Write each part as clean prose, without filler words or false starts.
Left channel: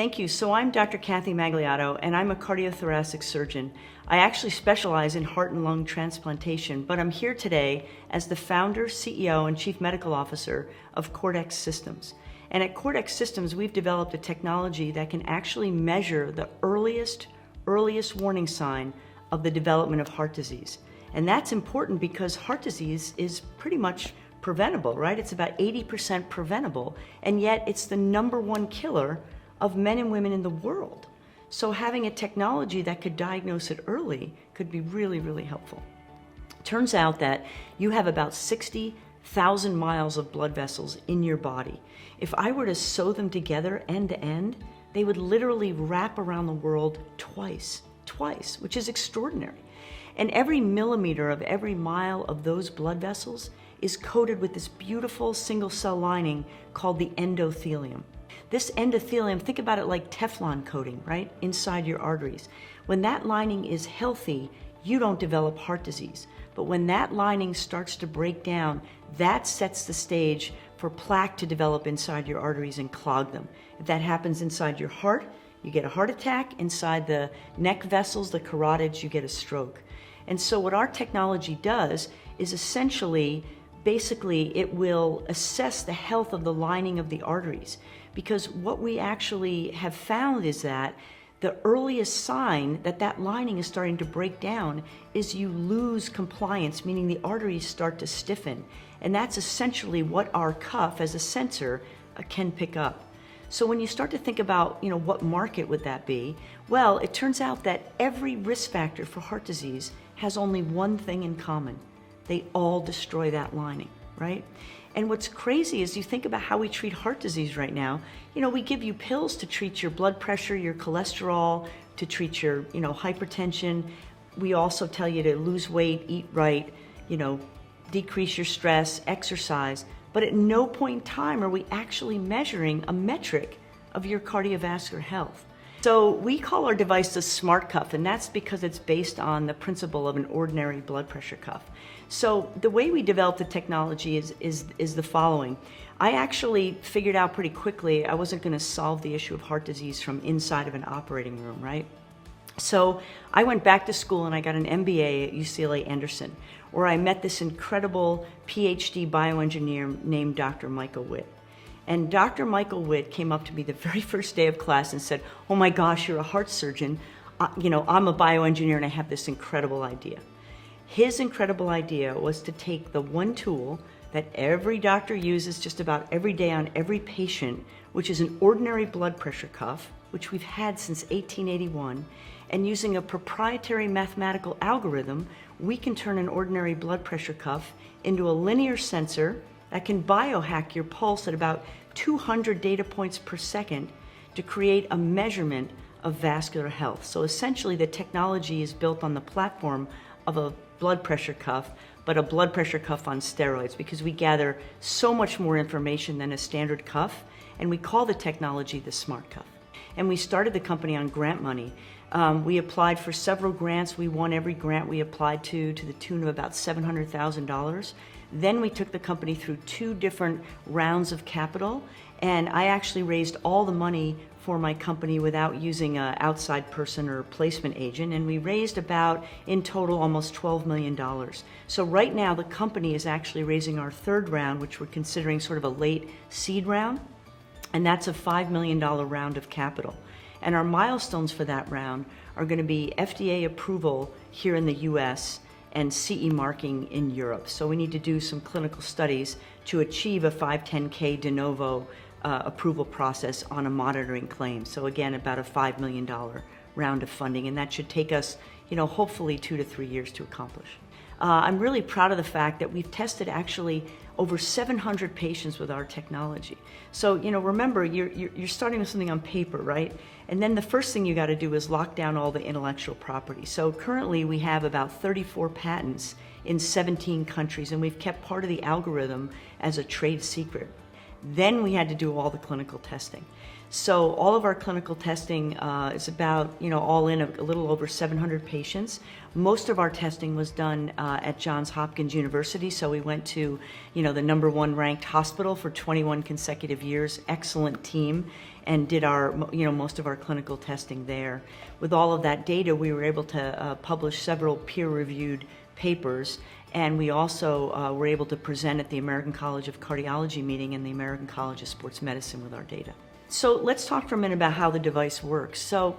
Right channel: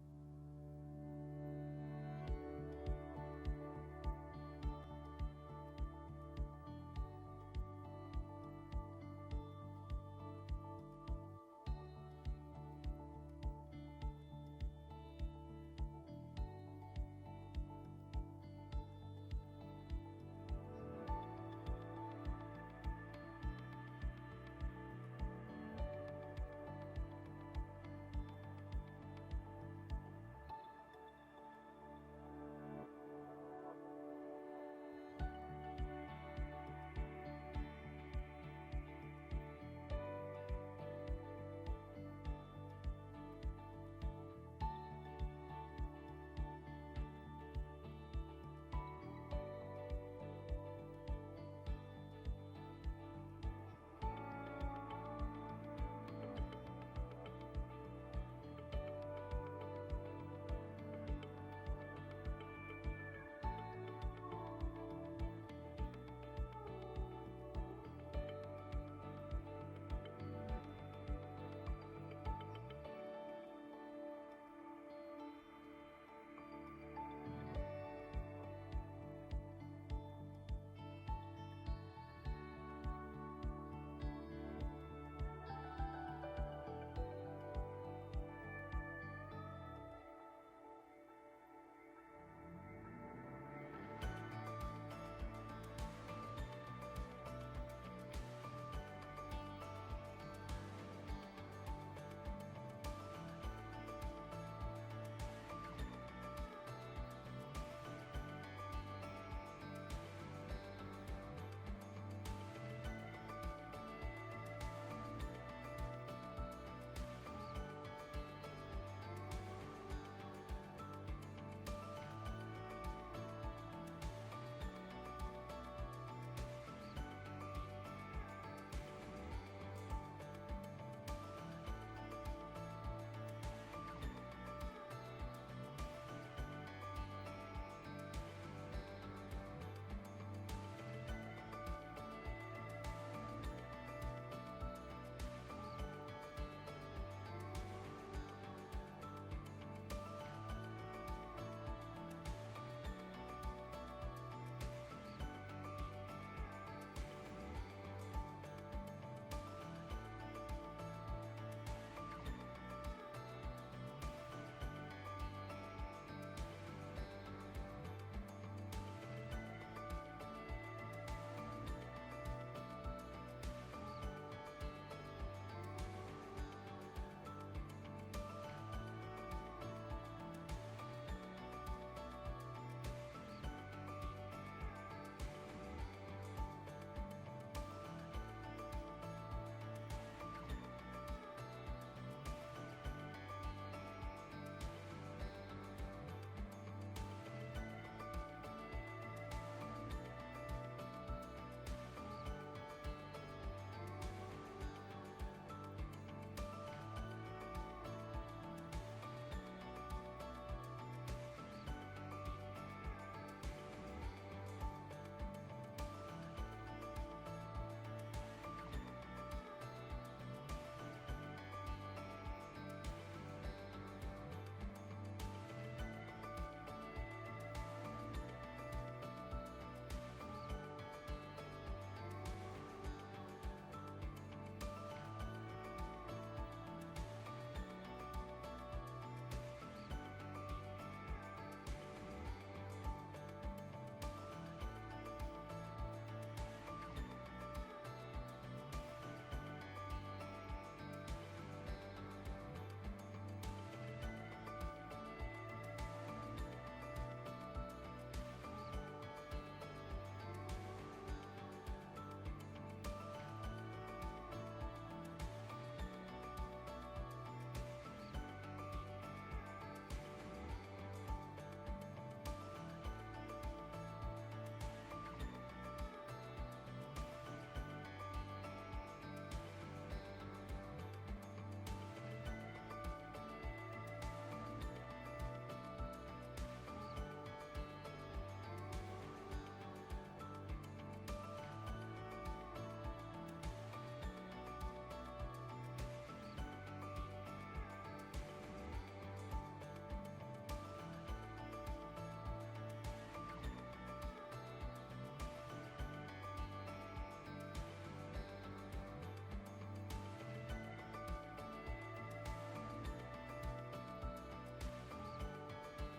Thank you. So I'm Dr. Kathy Magliato, and I'm a cardiothoracic surgeon. I actually specialize in heart and lung transplantation, but I'm here today as the founder, CEO, and Chief Medical Officer of Cordex Systems. And at Cordex Systems, we've developed a technology that can actually measure the earliest warning sign of the development of heart disease. And that's important because heart disease is pretty much preventable, right? It's about 80% preventable, and yet it's the #1 killer of men and women in the world. So having a technology that could diagnose it early could be really, really helpful. Turns out that you have about 60,000 miles of blood vessels in your body. If I were to sew them together end to end, they would literally wrap around the world twice, which is extraordinary. And every millimeter of every mile of those blood vessels is coated with this beautiful single cell lining called the endothelium. This endothelium, think about it like Teflon coating, right, inside your arteries. When that lining is healthy, you don't develop heart disease. But when that lining starts to break down, that sets the stage for plaque to develop inside your arteries and clog them. If that happens inside your heart, you get a heart attack. Inside the neck vessels, the carotids, you get a stroke. And so what our technology does is essentially, basically, it will assess the health of the lining of the arteries. Because what we actually have found is that the earliest sign that that lining is starting to break down is you lose compliance, meaning the arteries start to stiffen. And that's essentially what our cuff as a sensor can pick up. So when you start to think about, what market would that be? Well, it turns out that every risk factor for heart disease has only one thing in common. They all destroy that lining, right? And what's crazy is you think about how we treat heart disease right now. We give you pills to treat your blood pressure, your cholesterol, to treat your, hypertension. We also tell you to lose weight, eat right, decrease your stress, exercise. But at no point in time are we actually measuring a metric of your cardiovascular health. So we call our device the SmartCuff, and that's because it's based on the principle of an ordinary blood pressure cuff. So the way we developed the technology is the following. I actually figured out pretty quickly I wasn't going to solve the issue of heart disease from inside of an operating room, right? So I went back to school and I got an MBA at UCLA Anderson, where I met this incredible PhD bioengineer named Dr. Michael Witt. And Dr. Michael Witt came up to me the very first day of class and said, "Oh my gosh, you're a heart surgeon. I'm a bioengineer and I have this incredible idea." His incredible idea was to take the one tool that every doctor uses just about every day on every patient, which is an ordinary blood pressure cuff, which we've had since 1881, and using a proprietary mathematical algorithm, we can turn an ordinary blood pressure cuff into a linear sensor that can biohack your pulse at about 200 data points per second to create a measurement of vascular health. So essentially the technology is built on the platform of a blood pressure cuff, but a blood pressure cuff on steroids, because we gather so much more information than a standard cuff, and we call the technology the SmartCuff. And we started the company on grant money. We applied for several grants. We won every grant we applied to the tune of about $700,000. Then we took the company through 2 different rounds of capital, and I actually raised all the money for my company without using an outside person or placement agent, and we raised about, in total, almost $12 million. So right now the company is actually raising our 3rd round, which we're considering sort of a late seed round, and that's a $5 million round of capital. And our milestones for that round are going to be FDA approval here in the US and CE marking in Europe. So we need to do some clinical studies to achieve a 510K de novo approval process on a monitoring claim. So again, about a $5 million round of funding, and that should take us, hopefully 2 to 3 years to accomplish. I'm really proud of the fact that we've tested actually over 700 patients with our technology. So, remember, you're starting with something on paper, right? And then the first thing you got to do is lock down all the intellectual property. So currently we have about 34 patents in 17 countries, and we've kept part of the algorithm as a trade secret. Then we had to do all the clinical testing. So all of our clinical testing is about, all in a little over 700 patients. Most of our testing was done at Johns Hopkins University. So we went to, the #1 ranked hospital for 21 consecutive years, excellent team. and did our, most of our clinical testing there. With all of that data, we were able to publish several peer-reviewed papers, and we also were able to present at the American College of Cardiology meeting and the American College of Sports Medicine with our data. So let's talk for a minute about how the device works. So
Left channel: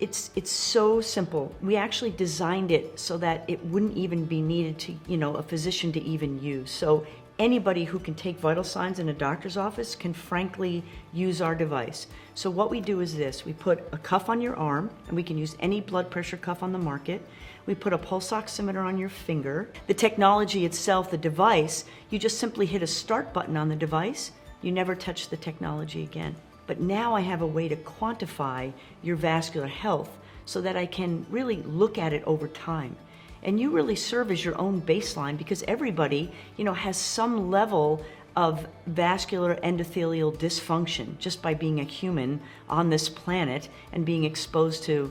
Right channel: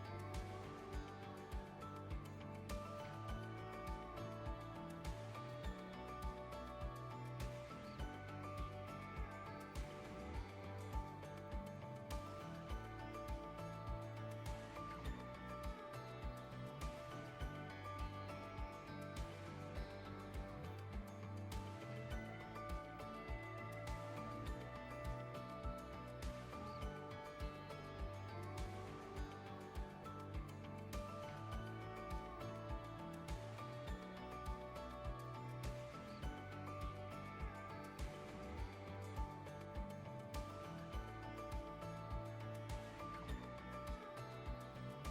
it's so simple. We actually designed it so that it wouldn't even be needed to, a physician to even use. So anybody who can take vital signs in a doctor's office can frankly use our device. So what we do is this: we put a cuff on your arm, and we can use any blood pressure cuff on the market. We put a pulse oximeter on your finger. The technology itself, the device, you just simply hit a start button on the device. You never touch the technology again. But now I have a way to quantify your vascular health so that I can really look at it over time. And you really serve as your own baseline, because everybody, has some level of vascular endothelial dysfunction just by being a human on this planet and being exposed to,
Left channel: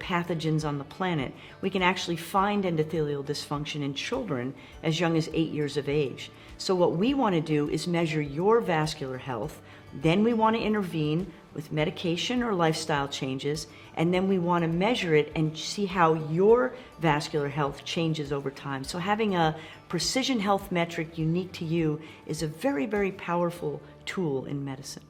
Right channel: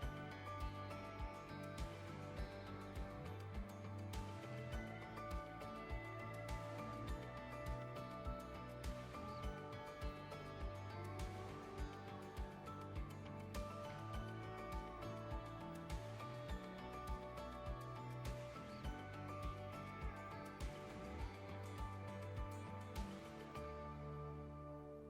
pathogens on the planet. We can actually find endothelial dysfunction in children as young as 8 years of age. So what we want to do is measure your vascular health. Then we want to intervene with medication or lifestyle changes, and then we want to measure it and see how your vascular health changes over time. So having a precision health metric unique to you is a very, very powerful tool in medicine.